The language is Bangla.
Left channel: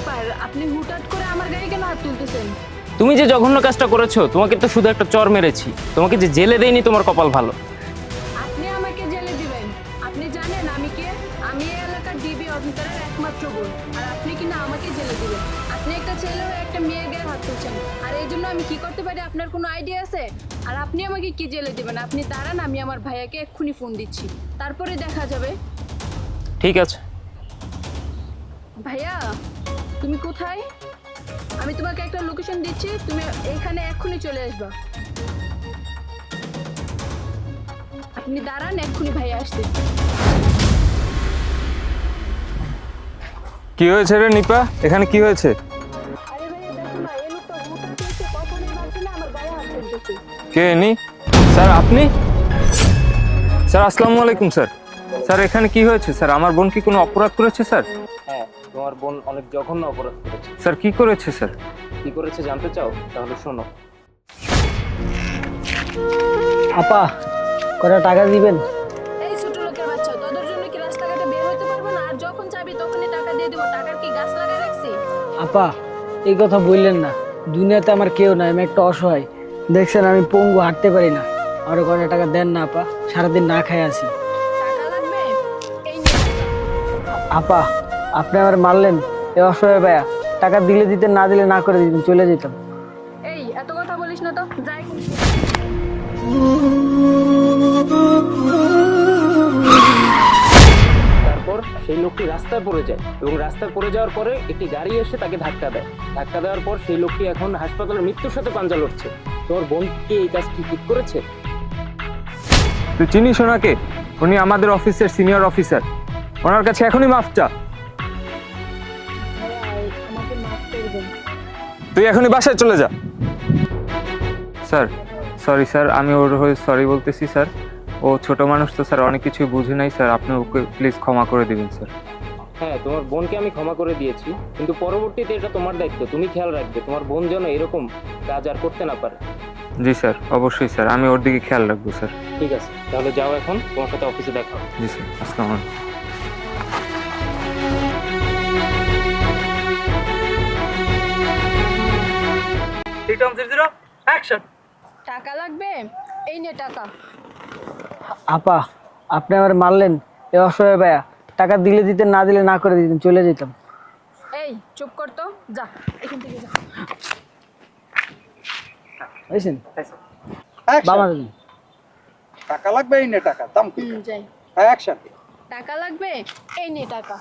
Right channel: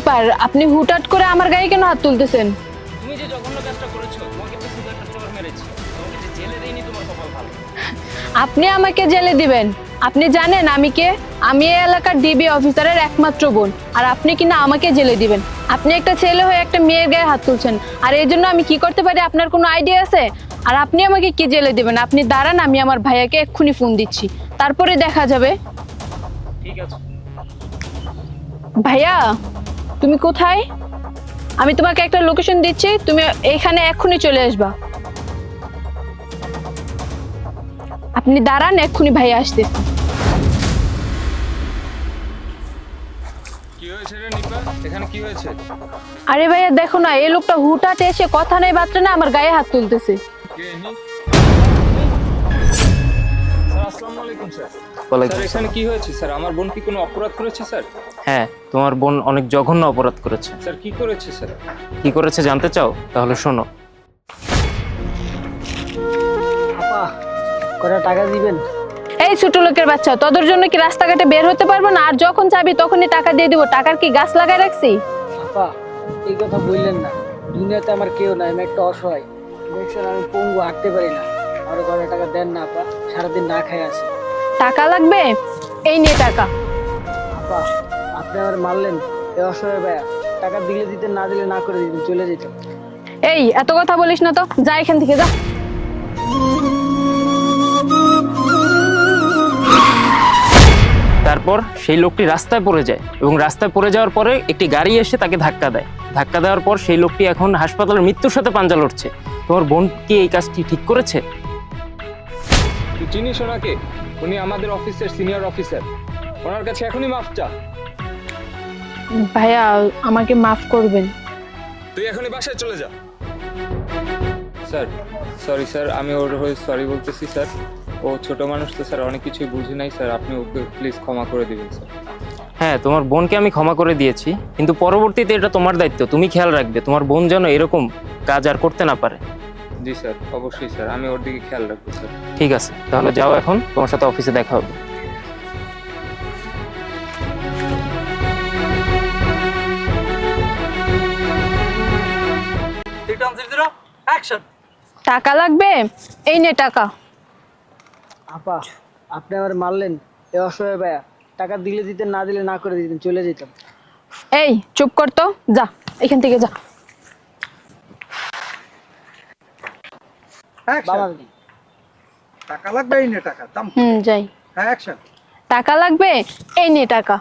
ব্যাপার, আপনি হুটহাট করে আমার গায়ে কেন হাত তুলতেছেন? তুমি যে জঘন্য কাজটা করেছো, তোমাকে তো শুধু একটা চর মেরেছি, তোমাকে যে জেলে দেয়নি তোমার কপাল ভালো। আপনি আমাকে জেলে দিবেন? আপনি জানেন আমি কে? আমি এই এলাকার ডিবি অফিসারের একমাত্র বোন, আর আপনি কিনা আমাকে জেলে দিবেন? আপনি একটা ছেলে হয়ে একটা মেয়ের গায়ে হাত তুলছেন, আর এই জন্য আমি কি করতে পারি আপনার কোনো আইডিয়া আছে? আর আপনি আমাকে কি জেলে দিবেন? আপনি দাঁড়ান, আমি আমার ভাইয়াকে এক্ষুনি ফোন দিচ্ছি, তারপরে দেখা যাবে। ঠিক আছে। ভাইয়া, তুমি কোথায়? আমি তোমাকে একটা লোকেশন দিচ্ছি, তুমি এখানে এক্ষুনি চলে আসবা। আপনি দাঁড়ান, এক্ষুনি ভাইয়া আসতে। কি হয়েছে রে নিপা, এখানে কি হয়েছে? আরে ভাইয়া দেখো না, এই লোকটা হুটহাট এসে কথা নেই বার্তা না আমার গায়ে হাত তুলতেছে। কে নি? স্যার আপনি? স্যার আসসালামু আলাইকুম স্যার। স্যার এখানে কি হয়েছে স্যার? আমার বোন কি কোনো অপরাধ করেছে স্যার? হ্যাঁ, তোমার বোন অনেক জঘন্য অপরাধ করেছে। স্যার কি করেছে স্যার? কি করেছে জানতে চাও? তাহলে শোনো। আপা কত টাকা দিবেন? এই ছোট লোকের বাচ্চা, তোদের জন্য কি রাস্তাঘাটে বের হতে পারবো না? আর যখন চাবি তখনই টাকা দিয়ে দিব। টাকার কি গাছ লাগায় রাখছি? আপা এই কথা বললেন না, দুনিয়াতে আমার কেউ নাই, আমি একটা অসহায়। দেখছেন আমি পঙ্গু, হাঁটতে পারি না। আরো কত টাকা দেন না আপা, সারাদিন না খাই আছি। টাকা লাগবে? এই নে টাকা। আপা আপনি আমার মারলেন, এ অসহায় ভাইয়া, টাকা দিলে দিতেন, না দিলে না করে দিতেন, চলে যেতাম। এই এত কথা বলিস না তো, যা এখান থেকে যা। তারপর সেই লোকটি রাস্তায় পড়ে যায় এবং রাস্তায় পড়ে যাওয়ার পরে একটি গাড়ি এসে তাকে ধাক্কা দেয়। ধাক্কা দেওয়ার পর সেই লোকটি এখন হাসপাতালের মৃত্যুর সাথে পাঞ্জা লড়ছে। তোমার বোন কি এই কাজটি ঠিক করেছে? তুই চিনিস ওনাকে? উনি আমাদের অফিসের সিনিয়র অফিসার। ওনার কাছে এখনই মাফ চা। ভাইয়া আমাকে মাফ করবেন। তুই এখনই বাসায় চলে যা। স্যার সরি স্যার, আমি ওর হয়ে সরি বলতেছি স্যার। ও ছোট মানুষ তো স্যার, অনেক কিছু বুঝে নাই স্যার, আপনি ওকে প্লিজ ক্ষমা করে দিবেন স্যার। হ্যাঁ, তোমার বোনকে আমি ক্ষমা করে দিয়েছি, কিন্তু পরবর্তীতে এটা তোমার দায়িত্ব, তুমি খেয়াল রাখবে তোমার বোন যেন এরকম কাজ আর করতে না পারে। জি স্যার, অবশ্যই স্যার, আমি ওর দিকে খেয়াল রাখবো স্যার। ঠিক আছে, তাহলে যাও, এখন তোমার সাথে অফিসে দেখা হবে। জি স্যার, আসসালামু আলাইকুম। টাকা লাগবে? এই নে টাকা। আপা আপনি আমার মারলেন, এ অসহায় ভাইয়া, টাকা দিলে দিতেন, না দিলে না করে দিতেন, চলে যেতাম। এই চুপ কর তো, যা এখান থেকে যা। এসেন Action. বাবা। টাকা লাগবে এই নে টাকা দাম যাই। অ্যাকশন টাকা লাগবে? এই নে টাকা।